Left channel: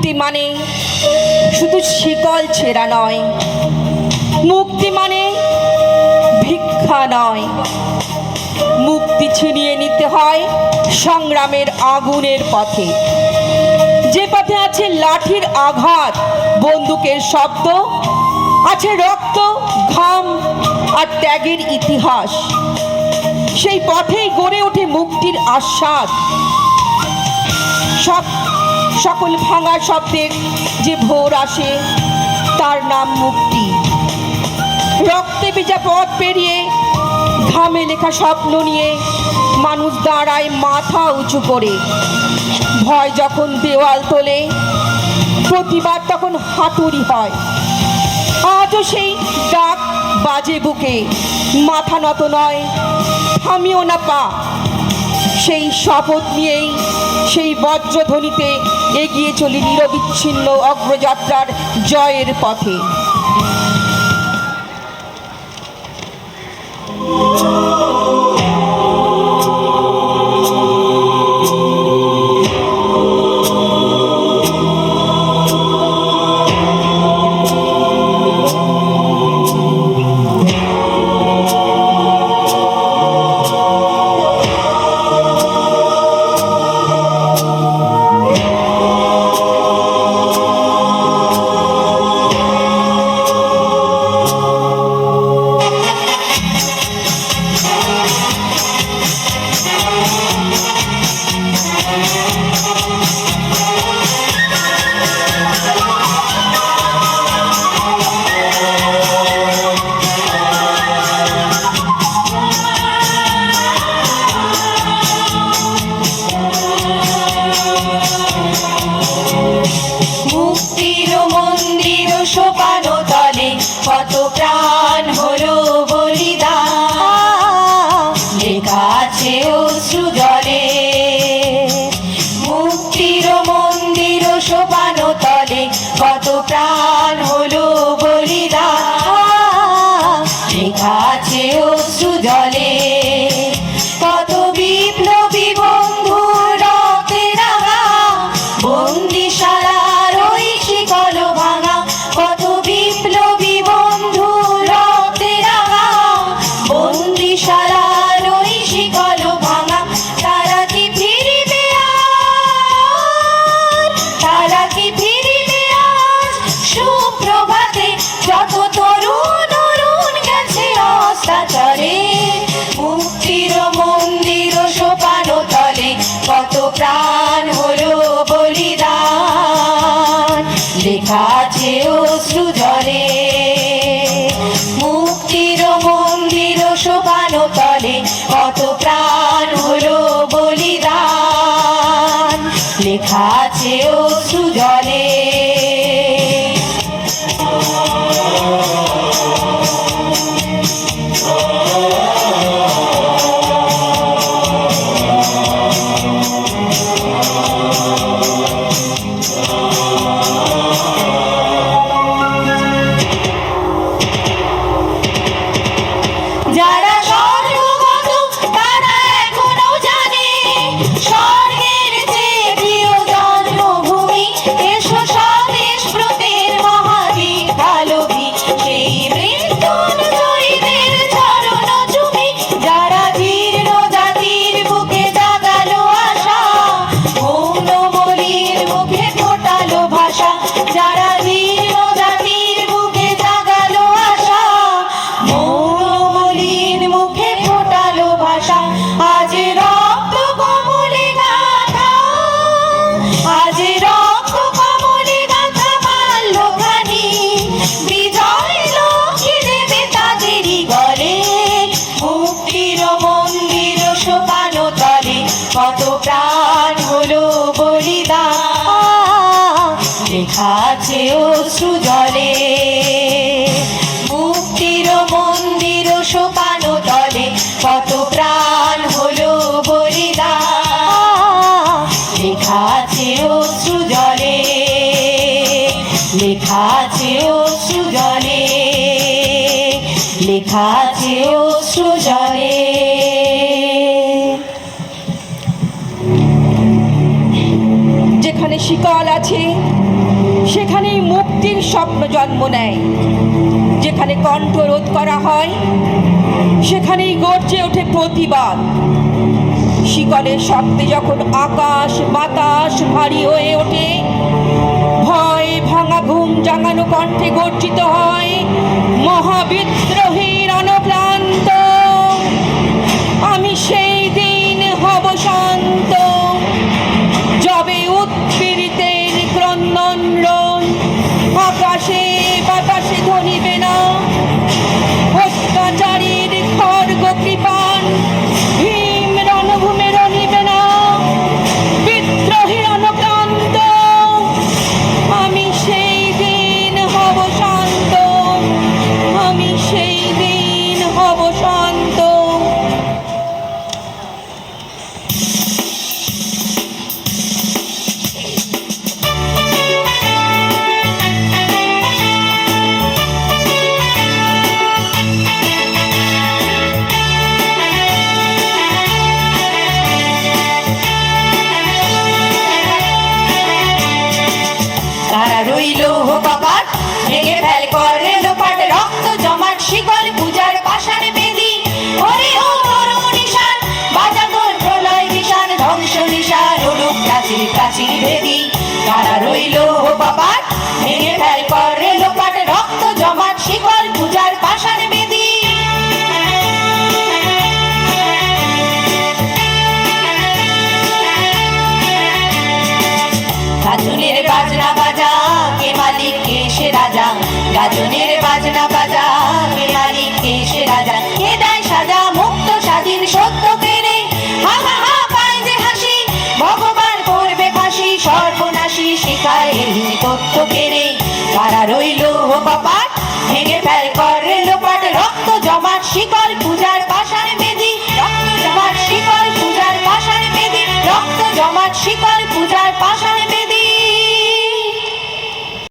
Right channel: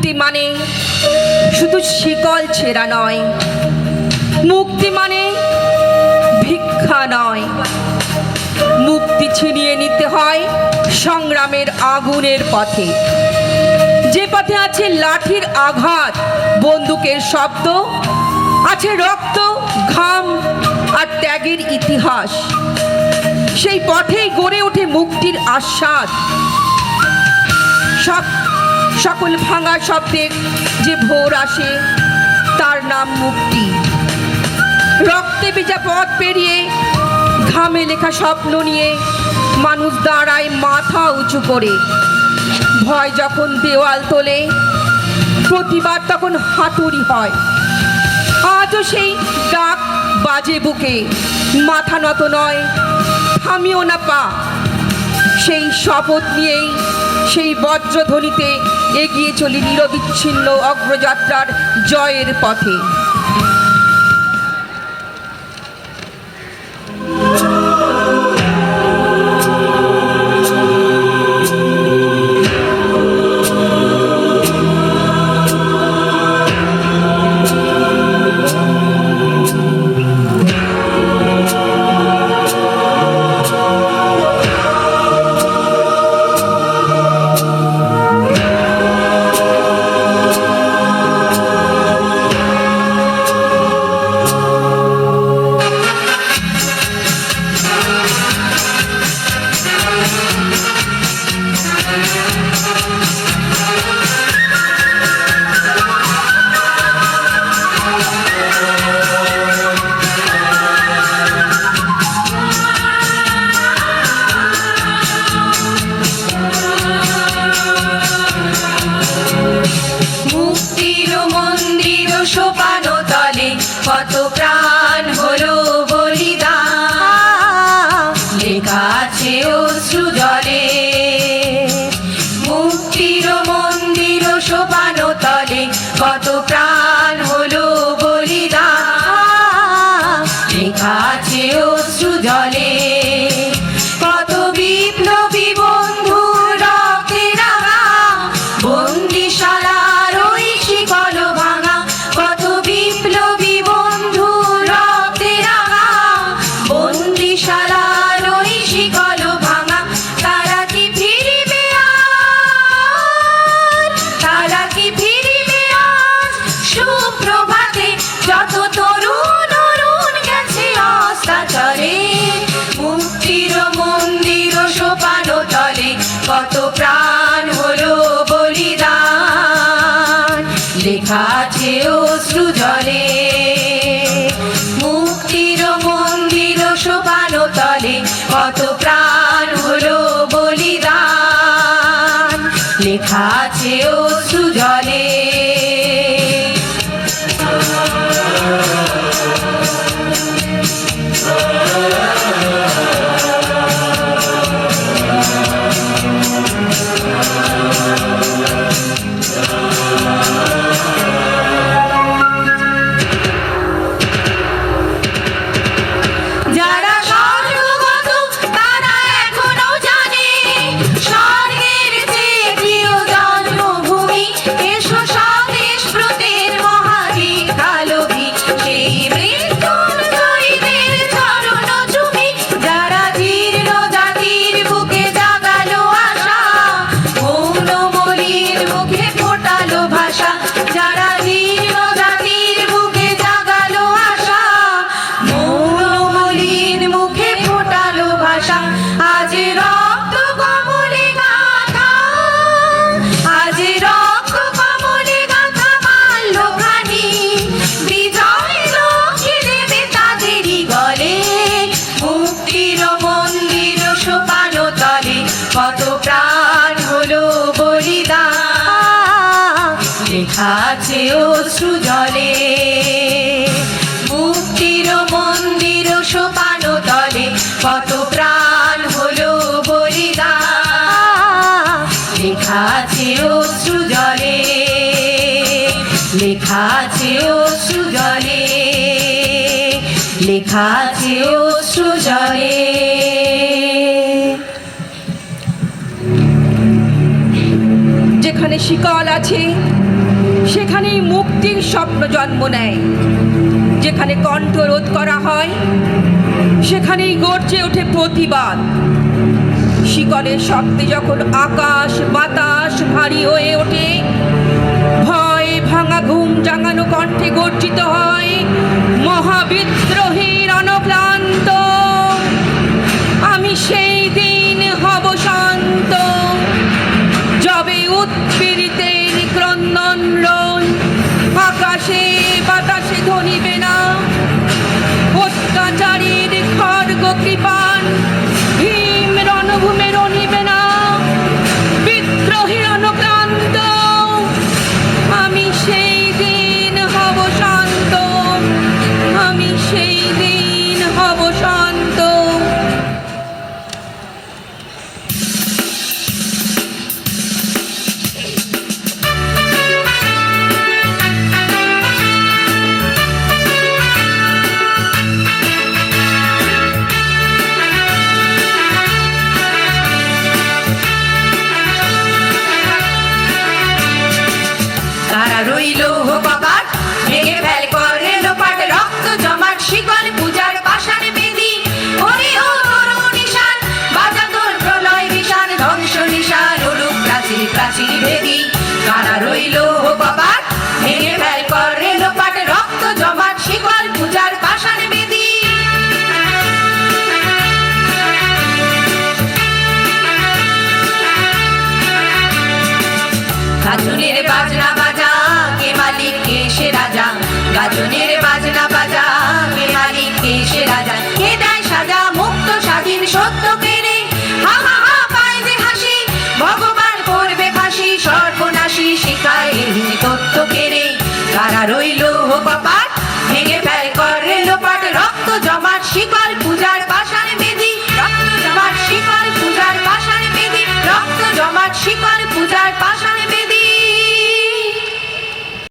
মুক্তি মানে শুধু শিকল ছেঁড়া নয়, মুক্তি মানে ভিক্ষা নয়, মুক্তি ছিনিয়ে নিতে হয় সংগ্রামের আগুনের পথে, যে পথে আছে লাঠির আঘাত, বন্দুকের শব্দ, আছে রক্ত, ঘাম আর ত্যাগের ইতিহাস। সেই পথেই গড়ে ওঠে মুক্তির আস্বাদ। সকল ভাঙা শব্দের যে ভোর আসে তার নাম মুক্তি। রক্তে ভেজা পথ পেরিয়ে, ঘামে লেখা স্বপ্ন নিয়ে মানুষ দাঁড়ায় মাথা উঁচু করে। ভয় যখন দেওয়াল তোলে, প্রতিবাদ তখন হাতুড়ি হয়। আজও সেই ডাক বাজে বুকে, মাথা নত নয়, থামিও না পা। সেই শপথ নিয়েই, সেই বজ্রধ্বনিতে এগিয়ে চলি নিরবিচ্ছিন্ন অগ্রযাত্রার জয়ের পথে। কত প্রাণ হলো বলিদান, লেখা আছে অশ্রু জলে। মুক্তির মন্দির সোপান তলে কত প্রাণ হলো বলিদান, লেখা আছে অশ্রু জলে। কত বিপ্লবী বন্ধু রক্তে রাঙা, বন্দিশালার ওই শিকল ভাঙা। কত বিপ্লবী বন্ধু রক্তে রাঙা, বন্দিশালার ওই শিকল ভাঙা। তারা কি ফিরিবে আজ, তারা কি ফিরিবে আজ সুপ্রভাতে? যত তরুণ অরুণ গেছে অস্তাচলে, মুক্তির মন্দির সোপান তলে কত প্রাণ হলো বলিদান, লেখা আছে অশ্রু জলে। মুক্তির মন্দির সোপান তলে কত প্রাণ হলো বলিদান, লেখা আছে অশ্রু জলে। যারা স্বর্গগত তারা এখনো জানে, স্বর্গের চেয়ে প্রিয় জন্মভূমি। এসো স্বদেশ ব্রতের মহাদীক্ষালোভী, সেই মৃত্যুঞ্জয়ীদের চরণ চুমি। যারা জীর্ণ জাতির বুকে জাগালো আশা, মৌন বলির মুখে ফোটালো ভাষা। যারা জীর্ণ জাতির বুকে জাগালো আশা, মৌন বলির মুখে ফোটালো ভাষা। আজ রক্ত কমলে গাথা, আজ রক্ত কমলে গাথা মাল্যখানি, বিজয় লক্ষ্মী দেবে তাদেরই গলে। মুক্তির মন্দির সোপান তলে কত প্রাণ হলো বলিদান, লেখা আছে অশ্রু জলে। মুক্তির মন্দির সোপান তলে কত প্রাণ হলো বলিদান, লেখা আছে অশ্রু জলে, লেখা আছে অশ্রু জলে, লেখা আছে অশ্রু জলে। যেখানে শিকল আছে সেখানেই মুক্তির স্বপ্ন জন্ম নেয়। যেখানে কণ্ঠরোধ করা হয় সেখানেই গর্জে ওঠে প্রতিবাদ। শিকলের শব্দে যখন আকাশ বাতাস ভারী হয়ে ওঠে, ভয় ভাঙা ঘুম জাগানো কণ্ঠে গর্জিত হয় মহাবিদ্রোহীর অনক্লান্ত। আমি সেই দিন হব শান্ত, যবে উৎপীড়িতের ক্রন্দন রোল আকাশে বাতাসে ধ্বনিবে না। অত্যাচারীর খড়গ কৃপাণ ভীম রণভূমে রণিবে না। বিদ্রোহীর অনুক্রান্ত আমি সেই দিন হব শান্ত, আমি সেই দিন হব শান্ত। তারা রইল কপাট ভেঙে ফেল করে লোপাট, রক্ত জমাট শিকল পূজার পাষাণ বেদি। ওরে ও তরু নিশান বাজা তোর প্রলয় নিশান, ধ্বংস নিশান উলুক প্রাচীর প্রাচীর ভেদি। তারা রইল কপাট ভেঙে ফেল করে লোপাট, রক্ত জমাট শিকল পূজার পাষাণ বেদি। গাজনের বাজনা বাজা কে মালিক কে সে রাজা, গাজনের বাজনা বাজা কে মালিক কে সে রাজা। কে দেয় সাজা মুক্ত স্বাধীন সত্য কেড়ে, হা হা হা পায় যে হাসি ভগবান করবে ফাঁসি। সর্বনাশী শিকায় এই তথ্য কেড়ে। কারা রইল কপাট ভেঙে ফেল করে লোপাট, রক্ত জমাট শিকল পূজার পাষাণ বেদি। রক্ত জমাট শিকল পূজার পাষাণ বেদি, রক্ত জমাট শিকল পূজার